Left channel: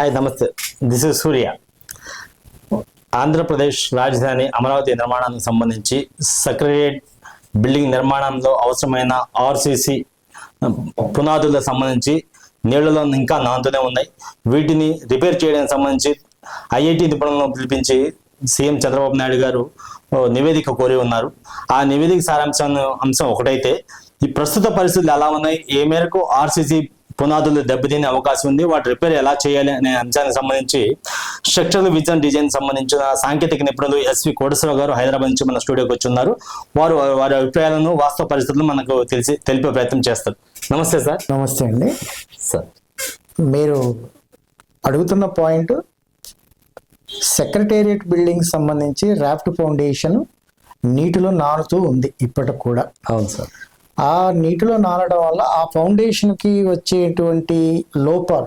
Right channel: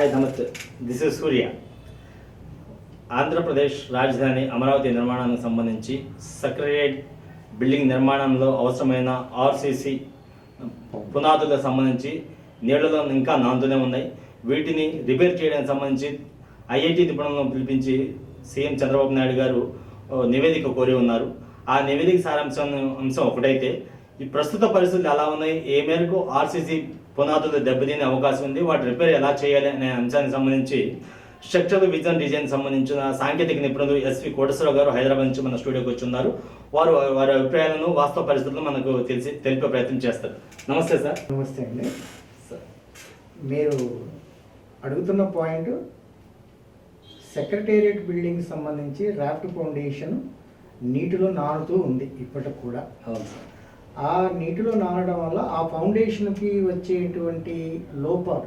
Hi నమస్తే this is సూర్య ఆంధ్రప్రదేశ్ రాజధాని అమరావతి నిర్మాణానికి సంబంధించి సెక్రటరియట్ బిల్డింగ్ నిర్మాణంలో అవసరమైన ఆర్సీసీ పునాదులకు సంబంధించి నీళ్ళలో ఇంకా నానుతూనే ఉన్నాయి. వీటిని రిపేర్ చేయడానికి సంబంధించి ఐఐటి నిపుణులను పిలిపించి సీఎం చంద్రబాబు నాయుడు గారు ఓ నివేదిక కోరి ఉన్నారు. ఆ నివేదిక సారాంశం అంశం ఒకటైతే ఈ ప్రస్తుత పరిస్థితులు ఎలా ఉన్నాయి? ఏ మేరకు ఆర్సీసీ పునాదులు దెబ్బతినే అవకాశం ఉంది. వాటి రిపేర్ ఎలా చేయాలి అనే అంశానికి సంబంధించి స్ట్రక్చర్ విజన్ డిజైన్ సంబంధించిన సాంకేతిక నిపుణులు ఎస్వి కోటేశ్వరరావు గారు హైదరాబాద్ నుంచి మన స్టూడియోకి వచ్చి ఉన్నారు వారు వారి అభిప్రాయాలను వాస్తవ పరిస్థితులను మనకు తెలిసి తెలిపే ప్రయత్నం చేస్తారు. నమస్తే సార్. నమస్తే అండి. సార్. మీరు అడుగుతున్న పాయింట్ సెక్రటేరియట్ బిల్డింగ్ సంబంధించి రాఫ్ట్ ఫౌండేషన్ నీటిలో నానుతూ ఉంది ఇప్పటికి కూడా. అవును సార్. ఆ నీటిలో నానడం వల్ల ఆ ఫౌండేషన్కి వచ్చేటువంటి లోపాలు.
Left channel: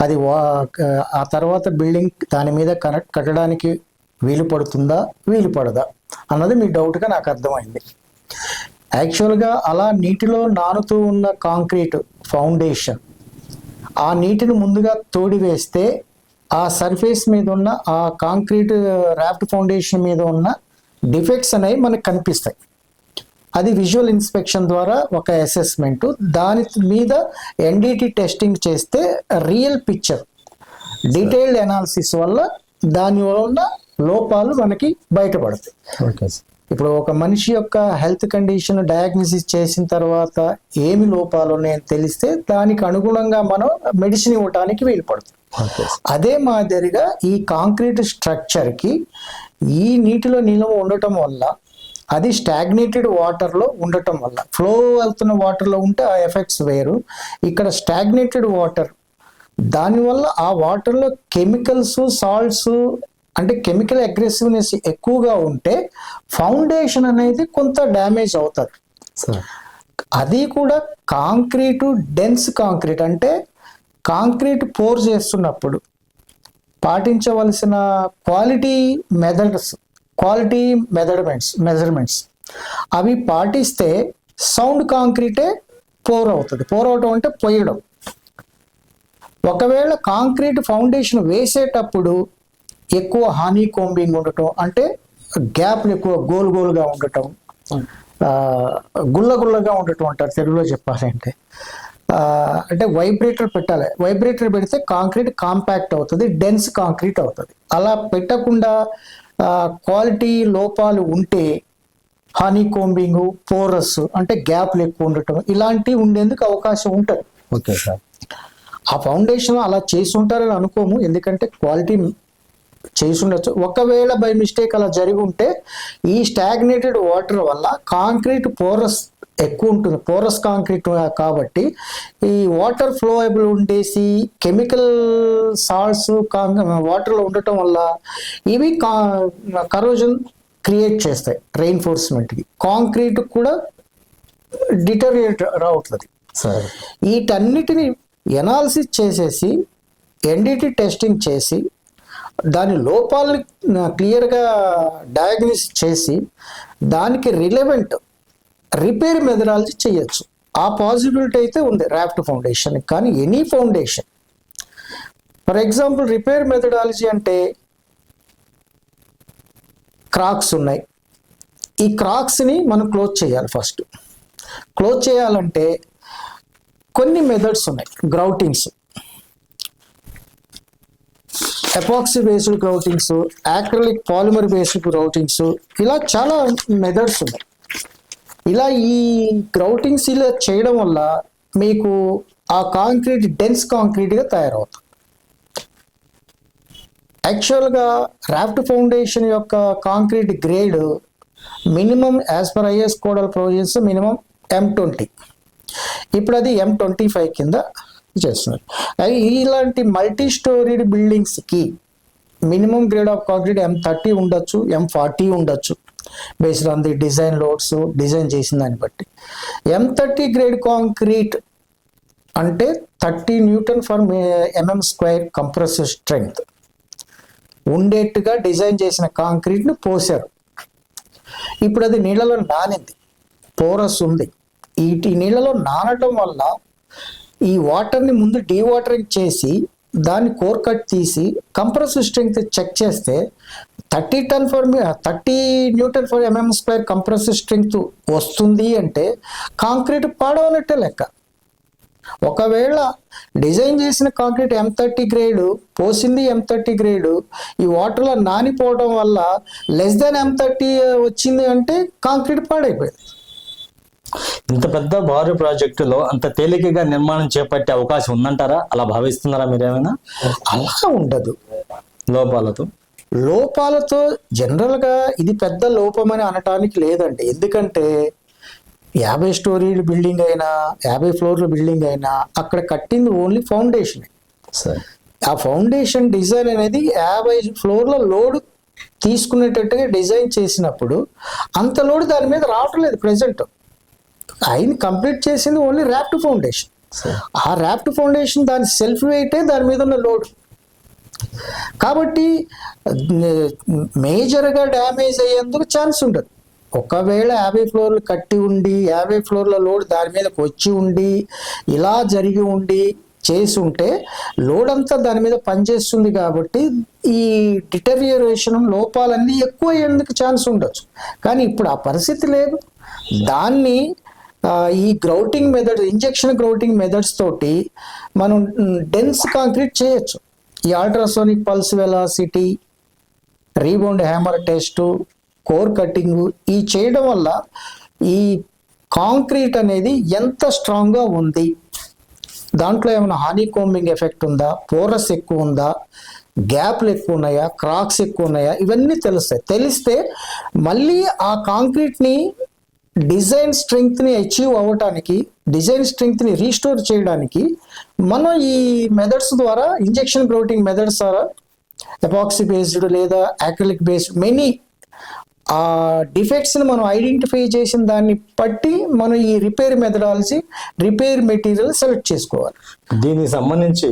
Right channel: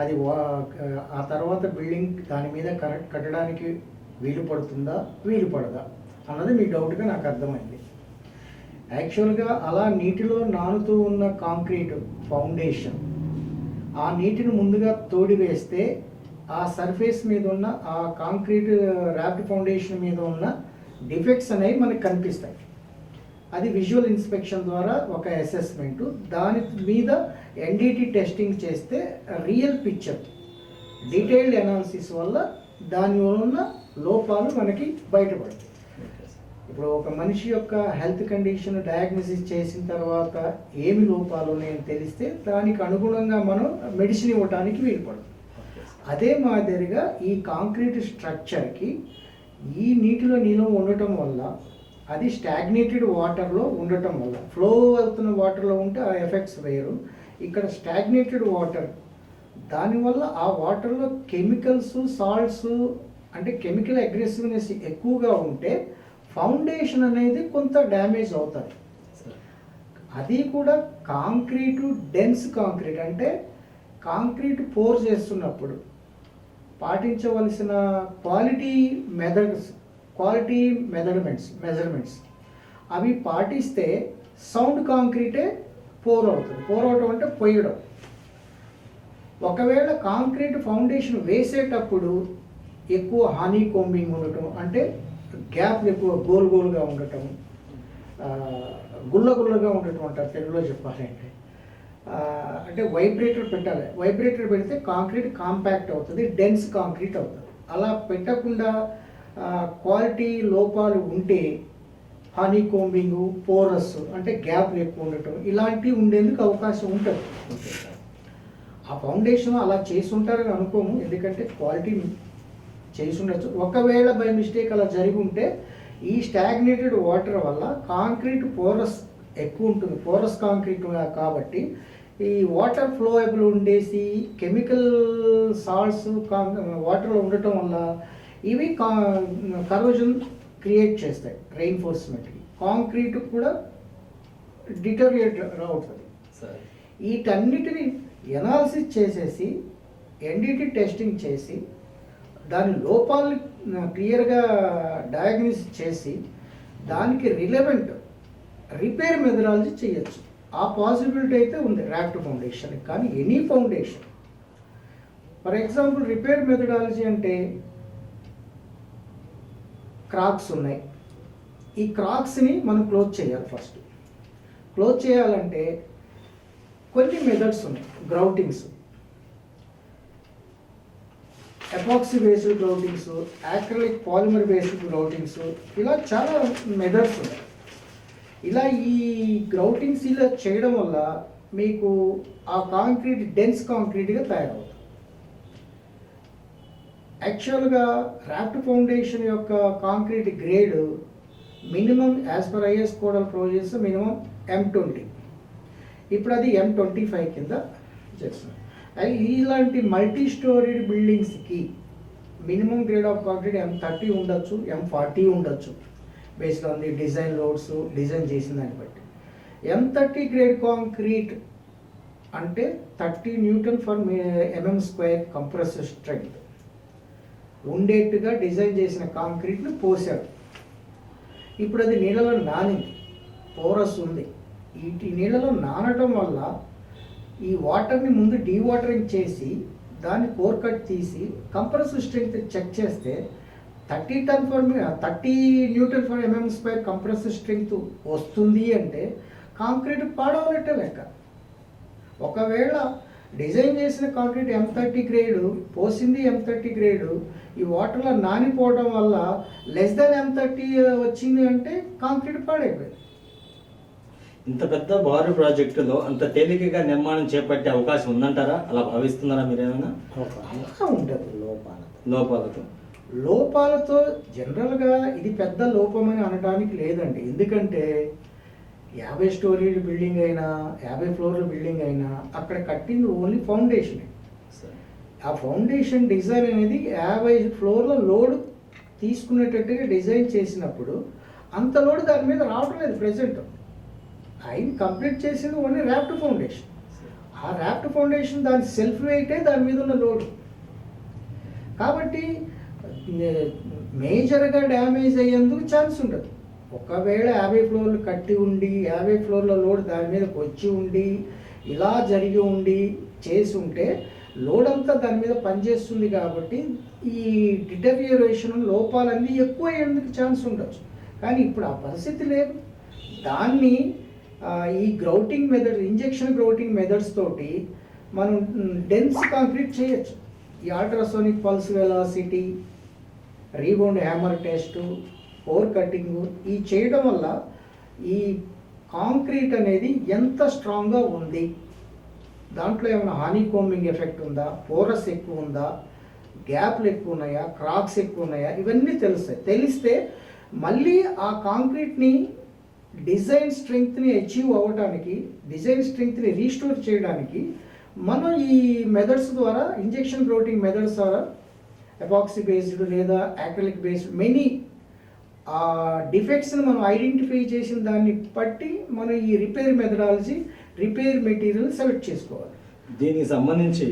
అది వా- ఆ తర్వాత బిల్డింగ్ దాని మీద కనెక్ట్ కట్టడానికి వీలు పడుతుందా? వీలు పడదా? అన్నది మీ డౌట్గా నాకు అర్థమైంది. యాక్చువల్గా అలా నీటిలో నానుతూ ఉన్న కాంక్రీట్ ఫౌండేషన్ ఆ నీటిని ముందుగా తోడి వేస్తే ఆ సర్ఫేస్ మీద ఉన్న ఆ కాంక్రీట్ రాఫ్ట్ ఫౌండేషన్ మీద ఉన్న డిఫెక్ట్స్ అనేవి మనకు కనిపిస్తాయి. అది విజువల్ ఇన్స్పెక్షన్ ద్వారా ఒక అసెస్మెంట్ దాని మీద ఎన్డిటి టెస్టింగ్ చేస్తే రియల్ పిక్చర్ డీటెయిల్డ్ అనాలిసిస్ వల్ల దాని వల్ల లోపాలు మనకి బయటపడతాయి. ఓకే సార్ ఇప్పుడు ఒక మనిషి యొక్క హెల్త్ కండిషన్ డయాగ్నోసిస్ చేసిన తర్వాత ఏమి లోపాలు ఉన్నాయని తెలిస్తే దానికి అనుగుణంగా మనం మెడిసిన్ ఇవ్వడానికి వీలు పడుతుంది అదే మాదిరిగా ఈ కాంక్రీట్ స్ట్రక్చర్కి ఈ నీటిలో నిల్వ ఉండటం వల్ల అది స్టాగ్నేటెడ్ వాటర్లో ఉండటం వల్ల. ఫ్లో వెళ్తున్న వాటర్లో ఉంటే ఆ ఎఫెక్ట్స్ వేరు. ఇక్కడ స్టాగ్నేటెడ్ వాటర్ దానివల్ల ఆ వాటర్లో కెమికల్స్ సాల్ట్స్ అంటే కెమికల్ అగ్రెసివ్నెస్ ఎక్కువగా ఉంటే ఫౌండేషన్ అనేది కొంత డ్యామేజ్ అవుతుంది. సార్. అది కూడా కాంక్రీటు డెన్స్ కాంక్రీట్ అంటే కాంక్రీట్ పోర్ చేస్తున్నప్పుడు పాటించవలసిన quality methods quality measurements measurements. అవి పాటిస్తే సౌండ్ కాంక్రీటే పోర్ అవుతుంది పోర్ అవటం అంటే పొయ్యడం. ఒకవేళ కాంక్రీట్ ఫౌండేషన్ వేసేటప్పుడు ఎక్కువ హానీ కోంబింగ్ ఉండటం అంటే గ్యాప్లు ఎక్కువ గోల్ గోల్గా ఉండటం ఆ, గుల్ల గుల్లగా ఉండటం అంటారు తెలుగులో చెప్పాలంటే. అంటే వైబ్రేటర్ పెట్టాలి. వైబ్రేటర్ పెడితే కాంక్రీట్ కాంపాక్ట్ అవుతుంది డెన్స్ కాంక్రీట్ అవుతుంది. అలా పెట్టకుండా క్వాలిటీ లోపాలు ఉంటే హానీ కోంబింగ్ పోరస్ అంటే గ్యాప్లు ఎక్కువ ఉండటం ఇలాంటివి ఉండేందుకు అవకాశం ఉంటుంది. Okay sir. ఆ ఫౌండేషన్ అలా చేసి ఉంటారని అనుకోము. ఎందుకంటే క్వాలిటీ చేసి ఉండొచ్చు ఒకవేళ బై మిస్టేక్ అలా జరిగి ఉంటే ఈ స్టాగ్నేటెడ్ వాటర్ వల్ల కాంక్రీట్ పోరస్ ఎక్కువ ఉంటుంది పోరస్ కాంక్రీట్ కాబట్టి ఈ వాటర్ ఫ్లోయబుల్ ఉండేసి కెమికల్ సాల్ట్స్ వాటర్లో ఉండటం వల్ల ఇవి కరోజన్ క్రియేట్ చేస్తాయి రెయిన్ఫోర్స్మెంట్కి కాంక్రీట్ కూడా డిటోరియేట్ అవుతుంది సార్. వీటన్నిటిని ఎనాలిసిస్ చేసేసి ఎన్డిటి టెస్టింగ్ చేసి దాని లోపాలని క్లియర్గా డయాగ్నోసిస్ చేసి దానికి రిలవెంట్ రిపేర్ మెథడాలజీ చేయొచ్చు. ఆ పాసిబిలిటీ అయితే ఉంది ర్యాప్ట్ ఫౌండేషన్. కానీ any foundation for example repair methodology అంటే క్రాక్స్ ఉన్నాయి. ఈ క్రాక్స్ని మనం క్లోజ్ చేయాలి ఫస్ట్. క్లోజ్ చేయాలంటే కొన్ని మెథడ్స్ ఉన్నాయి. Groutings epoxy based groutings acrylic polymer based groutings ఇలా చాలా మెథడ్స్ ఉన్నాయి. ఇలా ఈ గ్రౌటింగ్స్ ఇలా చేయడం వల్ల మీకు ఆ కాంక్రీట్ డెన్స్ కాంక్రీట్గా తయారవుతుంది. యాక్చువల్గా రాఫ్ట్ ఫౌండేషన్ యొక్క concrete grade minimum as per IS codal provisions minimum M twenty ఇప్పుడు అది ఎం ట్వంటీ ఫైవ్ కింద చేస్తున్నారు. అయి ఇలాంటి multi storeyed బిల్డింగ్స్కి minimum grade of concrete M thirty ఉండొచ్చు ఎం ఫార్టీ ఉండొచ్చు. Based on the design loads design చేసిన దాన్ని బట్టి. ఎం థర్టీ గ్రేడ్ కాంక్రీట్ అంటే thirty newton for mm square compressive strength ఉండేట్టుగా design చేసిన కాంక్రీట్ను పోసారు ఇప్పుడు అది నీళ్ళలో నానింది. పోరస్ ఉంది. ఈ ఈ నీళ్ళలో నానటం వల్ల ఈ వాటర్ని ముందు డీవాటరింగ్ చేసి దాన్ని కోర్ కట్ తీసి కంప్రెసివ్ స్ట్రెంగ్త్ చెక్ చేస్తే thirty ton for thirty newton for mm square compressive strength వస్తుంది అంటే కాంక్రీట్ పాడవనట్టే లెక్క. ఒకవేళ డిజైన్ చేసిన కాంక్రీట్ ఎం థర్టీ గ్రేడ్ పోసింది ఎం థర్టీ గ్రేడ్ ఈ వాటర్లో నానిపోవడం వల్ల లెస్ దెన్ ఎం థర్టీ వచ్చింది అంటే కాంక్రీట్ పాడైపోయింది. ఇంత పెద్ద వారు ప్రాజెక్టులో అంత తేలికగా నిర్మాణం చేపట్టే అవకాశం ఉందంటారా? అలా భావిస్తున్నారా మీరేమైనా? అలా ఉండదు. లోపాలతో. లోపాలతో జనరల్గా ఇది పెద్ద లోపం అని అనడానికి లేదండి. ఎందుకంటే యాభై స్టోరీల బిల్డింగ్ అయినా యాభై ఫ్లోర్ల బిల్డింగ్ అయినా అక్కడ కట్టింది ఓన్లీ ఫౌండేషన్. ఆ ఫౌండేషన్ డిజైన్ అనేది యాభై ఫ్లోర్ల లోడ్ తీసుకునేటట్టుగా డిజైన్ చేసినప్పుడు అంత లోడ్ దాని మీద రావట్లేదు లేదు ప్రజెంట్ ఆయన కంప్లీట్ చేసింది ఓన్లీ ర్యాప్డ్ ఫౌండేషన్. ఆ ర్యాప్డ్ ఫౌండేషన్ దాని సెల్ఫ్ వెయిటే దాని మీద ఉన్న లోడ్. కాబట్టి మేజర్గా డ్యామేజ్ అయ్యేందుకు ఛాన్స్ ఉండదు. ఒకవేళ యాభై ఫ్లోర్లు కట్టి ఉండి యాభై ఫ్లోర్ల లోడ్ దాని మీదకి వచ్చి ఉండి ఇలా జరిగి ఉండి చేసి ఉంటే లోడ్ అంతా దాని మీద పనిచేస్తుంది కాబట్టి ఈ డిటరియేషన్ లోపాలన్నీ ఎక్కువ అయ్యేందుకు ఛాన్స్ ఉండొచ్చు. కానీ ఇప్పుడు ఆ పరిస్థితి లేదు. దాన్ని ఈ grouting method injection grouting methods తోటి మనం డెన్స్ కాంక్రీట్ చేయొచ్చు. ఈ ultrasonic pulse velocity rebound hammer test core cutting ఈ చేయడం వల్ల ఈ కాంక్రీట్ అనేది ఎంత స్ట్రాంగ్గా ఉంది? దాంట్లో ఏమైనా హానీ కోంబింగ్ ఎఫెక్ట్ ఉందా? పోరస్ ఎక్కువ ఉందా? గ్యాప్లు ఎక్కువ ఉన్నాయా? క్రాక్స్ ఎక్కువ ఉన్నాయా? ఇవన్నీ తెలుస్తాయి. తెలిస్తే మళ్ళీ ఆ కాంక్రీట్ని డిజైన్ స్ట్రెంగ్త్ని అచీవ్ అవ్వటానికి డిజైన్ స్ట్రెంగ్త్ని రీస్టోర్ చేయడానికి మనం ఈ మెథడ్స్ ద్వారా ఇంజెక్షన్ గ్రోటింగ్ మెథడ్స్ ద్వారా ఎపాక్సీ బేస్డ్ లేదా యాక్రిలిక్ బేస్డ్ మెనీ ఆ డిఫెక్ట్స్ని మనం ఐడెంటిఫై చేసిన దాన్ని బట్టి మనం ఈ repair methodology repair material select చేసుకోవాలి. దీనికి సంబంధించి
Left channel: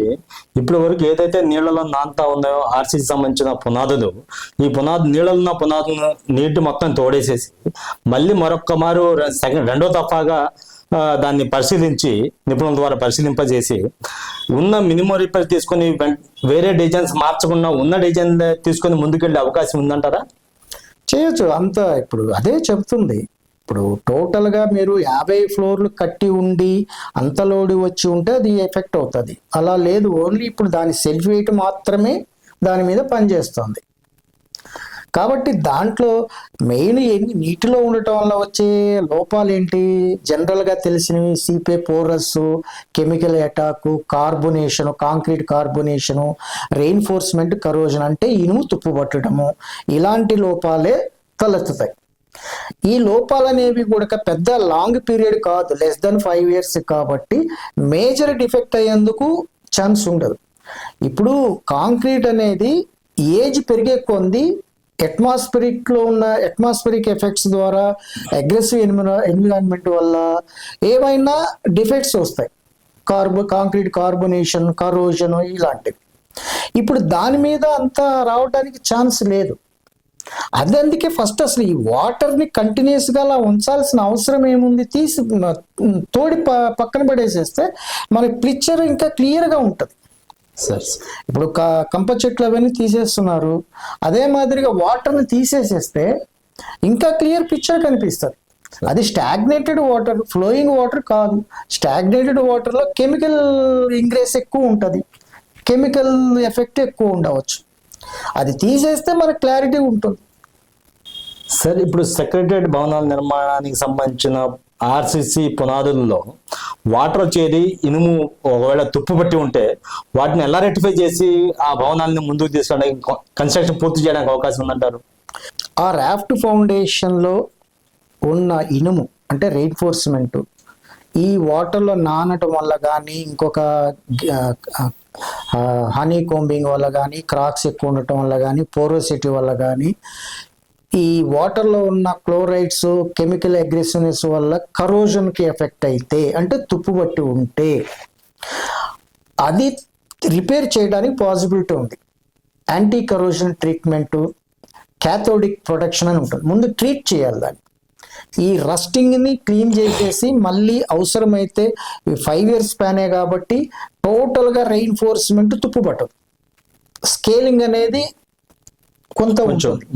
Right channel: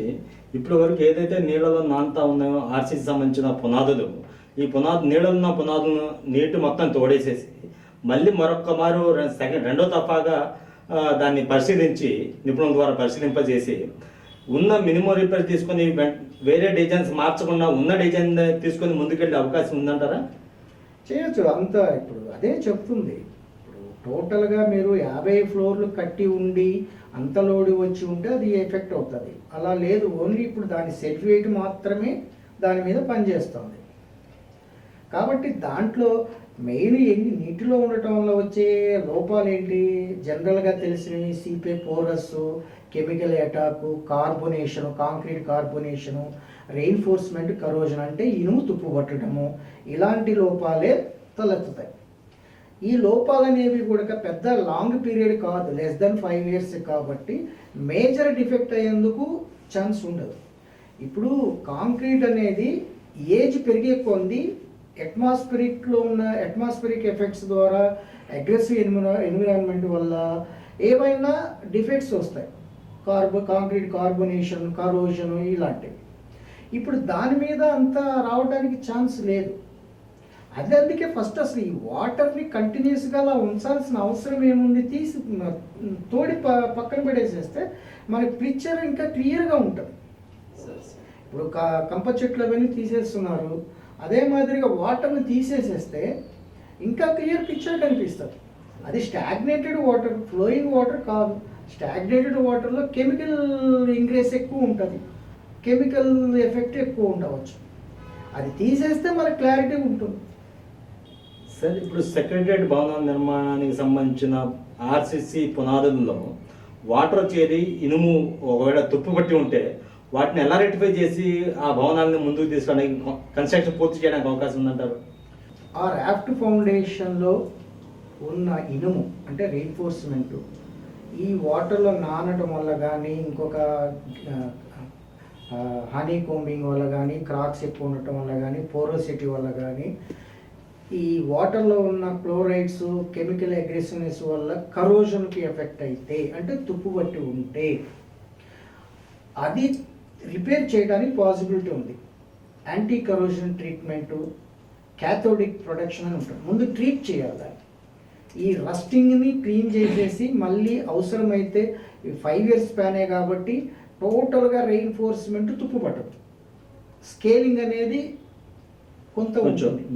ఇప్పటి వరకు ఏదైతే నీళ్ళలో నాంతా ఉన్నాయో ఆర్సీకి సంబంధించిన పునాదులు ఈ పునాదు నీళ్ళలో ఉన్న పునాదులను నీటి మొత్తం తోడేసేసి మళ్ళీ మరొక్క మారు సెకండ్ రెండో తప్పగా దాన్ని పరిశీలించి నిపుణుల ద్వారా పరిశీలింపజేసి ఉన్న మినిమం రిపేర్ తీసుకొని వేరే డిజైన్స్ మార్చకుండా ఉన్న డిజైన్ తీసుకొని ముందుకెళ్ళే అవకాశం ఉందంటారా? చేయొచ్చు. అంత ఇప్పుడు అదే చెప్తుంది. ఇప్పుడు టోటల్గా మీరు యాభై ఫ్లోర్లు కట్టి ఉండి అంత లోడి వచ్చి ఉంటే అది ఎఫెక్ట్ అవుతుంది. అలా లేదు. ఓన్లీ ఇప్పుడు దాని సెల్ఫ్ వెయిట్ మాత్రమే దాని మీద పనిచేస్తుంది. కాబట్టి దాంట్లో మెయిన్ ఏంటి? నీటిలో ఉండటం వల్ల వచ్చే లోపాలు ఏంటి? జనరల్గా తెలిసినవి సిపే porous chemical attack carbonation concrete carbonation reinforcement corrosion అంటే ఇనుము తుప్పుపట్టడము ఇలాంటి లోపాలే తలెత్తుతాయి. ఈ లోపాలు అనేవి కూడా పెద్ద లాంగ్ పీరియడ్ కాదు లెస్ దెన్ ఫైవ్ ఇయర్స్ కాబట్టి మేజర్ డిఫెక్ట్ అయ్యేందుకు ఛాన్స్ ఉండదు. ఇప్పుడు కాంక్రీట్ అనేది ఏజ్ పెరిగే కొంది అట్మాస్ఫిరిక్లో ఉన్న అట్మాస్ఫిరిక్ ఎఫెక్ట్స్ ద్వారా అగ్రెసివ్ ఎన్విరాన్మెంట్ వల్ల ఏవైనా డిఫెక్ట్స్ వస్తాయి. కార్బో కాంక్రీట్ కార్బొనేషన్ కరోజన్ ఇలాంటివి. ఇప్పుడు దాని మీద అంత రావడానికి ఛాన్స్ లేదు. అది అందుకే ఫస్ట్ అసలు ఈ వాటర్ని కంటిన్యూస్గా అలా ఉంచాల్సిన అవసరం ఏముంది? తీసి తోడి ప- పక్కన పడేసేస్తే మరి పిక్చర్ ఇంకా క్లియర్గా ఉంటుంది. సార్ ఇప్పుడు క- కంప చెట్లు అవన్నీ తీసేస్తున్నారు. అదే మాదిరిగా వాటర్ని తీసేసేస్తే ఇంకా క్లియర్ పిక్చర్ కనిపిస్తుంది. అది స్టాగ్నేటెడ్ వాటర్ ఫ్లోయింగ్ వాటర్ కాదు. స్టాగ్నేటెడ్ వాటర్లో కెమికల్ ఇంక్రీస్ ఎక్కువ ఉంటుంది. కెమికల్ ఎఫెక్ట్ ఎక్కువ ఉండవచ్చు. అది తీసేస్తే మనకు క్లారిటీ ఉంటుంది. సార్ ఇప్పుడు సెక్రటరేట్ భవనాల నిర్మాణానికి సంబంధించిన ఆర్సిసి పునాదుల్లో వాటర్ వచ్చేది ఇనుము ఒకవేళ తుప్పు పట్టి ఉంటే వాటిని ఎలా రెక్టిఫై చేసి ఆ భవనాలను ముందుకు తీసుకోవడానికి కన్స్ట్రక్షన్ పూర్తి చేయడానికి అవకాశం ఉందంటారు? ఆ రాఫ్ట్ ఫౌండేషన్లో ఉన్న ఇనుము అంటే రెయిన్ఫోర్స్మెంట్ ఈ వాటర్లో నానటం వల్ల కానీ ఇంకొక హనీ కోంబింగ్ వల్ల కానీ క్రాక్స్ ఎక్కువ ఉండటం వల్ల కానీ పోరోసిటీ వల్ల కానీ ఈ వాటర్లో ఉన్న క్లోరైడ్స్ కెమికల్ అగ్రెసివ్నెస్ వల్ల కరోజన్కి ఎఫెక్ట్ అయితే అంటే తుప్పుబట్టి ఉంటే అది రిపేర్ చేయడానికి పాసిబిలిటీ ఉంది. Anti corrosion treatment cathodic protection అని ఉంటుంది. ముందు ట్రీట్ చేయాలి దాన్ని. ఈ రస్టింగ్ని క్లీన్ చేసేసి మళ్ళీ అవసరమైతే ఫైవ్ ఇయర్స్ స్పానే కాబట్టి టోటల్గా రెయిన్ఫోర్స్మెంట్ తుప్పుపట్టదు స్కేలింగ్ అనేది కొంత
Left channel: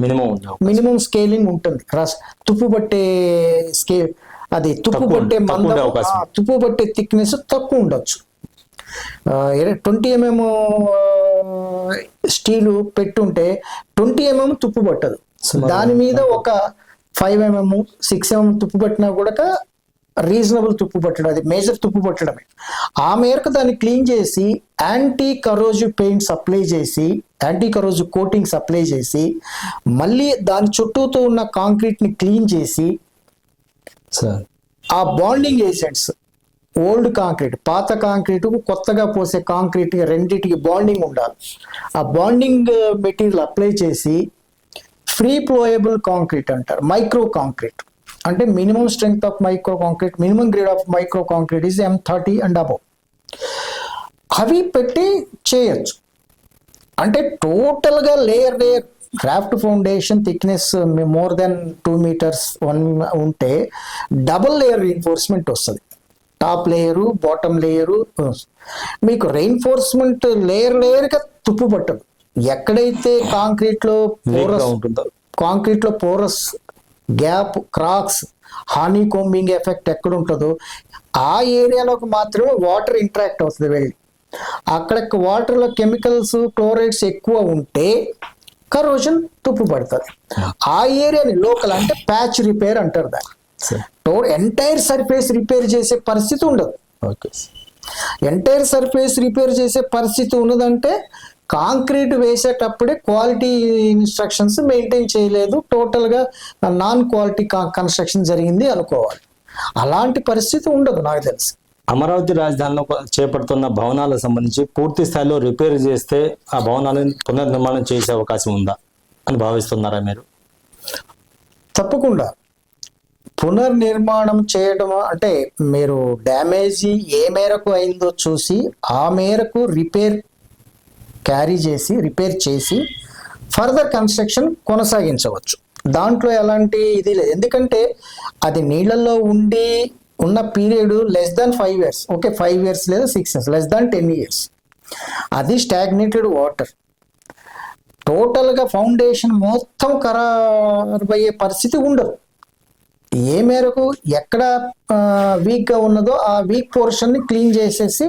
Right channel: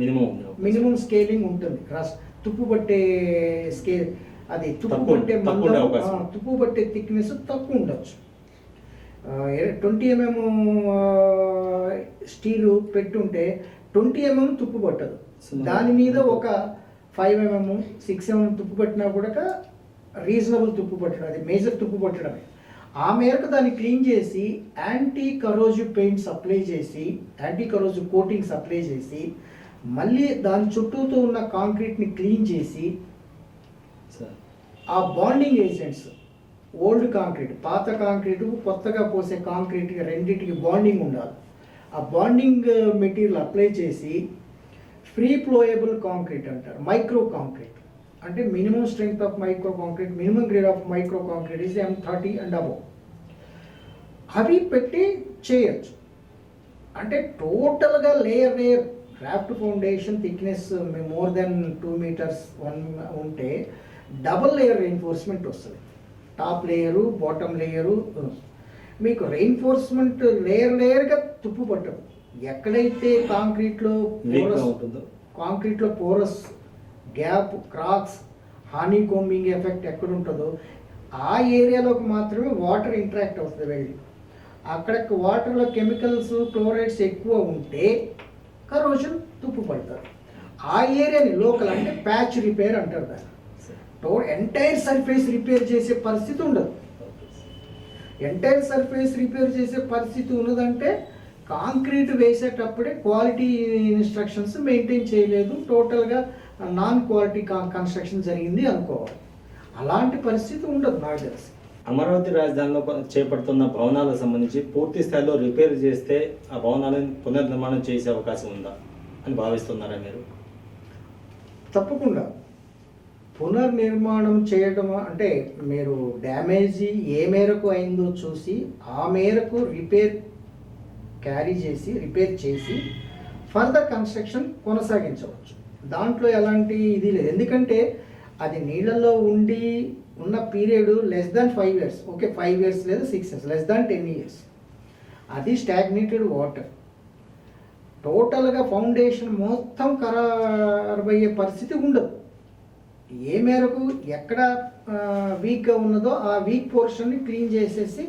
మినిమం మినిమం స్కేలింగ్ ఉంటుంది. రస్ తుప్పు పట్టే స్కేల్ అది తుప్పు పట్టే మందం తుప్పు పట్టే థిక్నెస్ తక్కువ ఉండొచ్చు. ట్వంటీ ఎంఎం స్టీలు పెట్టుంటే ట్వంటీ ఎంఎం తుప్పు పట్టదు. దాని మీద ఒక ఫైవ్ ఎంఎం సిక్స్ ఎంఎం తుప్పు పట్టినా కూడా రీజనబుల్ తుప్పు పట్టడం అది మేజర్ తుప్పు పట్టడమే. ఆ మేరకు దాన్ని క్లీన్ చేసి యాంటీ కరోజివ్ పెయింట్స్ అప్లై చేసి యాంటీ కరోజివ్ కోటింగ్స్ అప్లై చేసి మళ్ళీ దాని చుట్టూతో ఉన్న కాంక్రీట్ని క్లీన్ చేసి సార్. ఆ బాండింగ్ ఏజెంట్స్ ఓల్డ్ కాంక్రీట్ పాత కాంక్రీట్ కొత్తగా పోసే కాంక్రీట్ రెండింటికి బాండింగ్ ఉండాలి. ఆ బాండింగ్ మెటీరియల్ అప్లై చేసి ఫ్రీ ఫ్లోయబుల్ కాంక్రీట్ అంటారు మైక్రో కాంక్రీట్ అంటే minimum strength of micro concrete minimum grade of micro concrete is M thirty and above. అవి పెట్టి చేయొచ్చు. అంటే టోటల్గా layer layer raft foundation thickness more then two metres one ఉంటే double layer reinforcement వస్తుంది. Top layer bottom layer మీకు reinforcement layer లేయర్గా తుప్పు పట్టదు. ఎక్కడైతే కాంక్రీట్లో పోరస్ ఉంటుందో. కాంక్రీట్లో porous gap cracks honeycombing effect ఎక్కడ ఉంటుందో ఆ ఏరియాలోకి మాత్రమే వాటర్ ఇంటరాక్ట్ అవుతుంది వెళ్ళి. అక్కడ వాటర్లో కెమికల్స్ క్లోరైడ్స్ ఎక్కువ ఉంటే కరోజన్ తుప్పు పడుతుంది. ఆ ఏరియాని లోకల్ అంటే ప్యాచ్ రిపేర్ అంటారు దాన్ని. ఎంటైర్ సర్ఫేస్ రిపేర్ చేసే పరిస్థితి ఉండదు. ఓకే. ఎంటైర్ సర్ఫేస్ రిపేర్ చేసే పరిస్థితి ఉన్నదంటే కాంక్రీట్ వేసేటప్పుడే క్వాలిటీ ఇన్స్ట్రక్షన్స్ మెయింటైన్ చేయలేదు. టోటల్గా నాన్ క్వాలిటీ కన్స్ట్రక్షన్ జరిగింది అనుకోవాలి. అలాంటి పరిస్థితి ఉండదు నాకు తెలిసి. అమరావతి రాజధానిలో చేపడుతున్న భవనాలకు సంబంధించి పూర్తి స్థాయిలో రిపేర్ చేస్తే ఆ భవనాలను పునర్నిర్మాణం చేసే అవకాశం ఉందా అని భావిస్తున్నారా మీరు? తప్పకుండా. పునర్నిర్మాణం చేయడం అంటే మీరు డ్యామేజీ ఏ మేరకు అయిందో చూసి ఆ మేరకు రిపేర్ క్యారీ చేసి రిపేర్ చేసి ఫర్దర్ కన్స్ట్రక్షన్ కొనసాగించవచ్చు. దాంట్లో ఎలాంటి ఇది లేదు. ఎందుకంటే అది నీళ్ళల్లో ఉండి ఉన్న period less than five years okay five years లేదా six years less than ten years అది స్టాగ్నేటెడ్ వాటర్ టోటల్గా ఫౌండేషన్ మొత్తం ఖరాబ్ అయ్యే పరిస్థితి ఉండదు. ఏ మేరకు ఎక్కడ వీక్గా ఉన్నదో ఆ వీక్ పోర్షన్ని క్లీన్ చేసేసి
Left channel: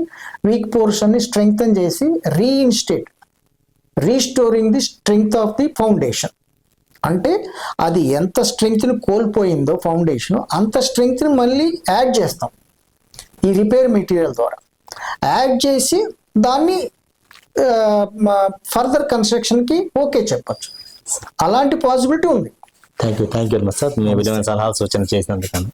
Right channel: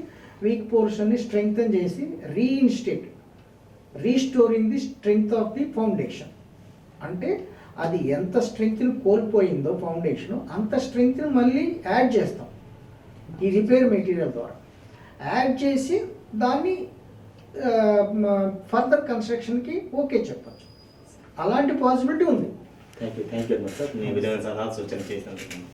వీక్ పోర్షన్ని స్ట్రెంగ్తన్ చేసి reinstate restoring the strength of the foundation అంటే అది ఎంత స్ట్రెంగ్త్ని కోల్పోయిందో ఫౌండేషన్ అంత స్ట్రెంగ్త్ని మళ్ళీ యాడ్ చేస్తాం. ఈ రిపేర్ మెటీరియల్ ద్వారా. యాడ్ చేసి దాన్ని ఫర్దర్ కన్స్ట్రక్షన్కి ఓకే చెప్పచ్చు. అలాంటి పాసిబిలిటీ ఉంది. Thank you thank you sir మీ విలువైన సలహా సూచన చేసినందుకన్నా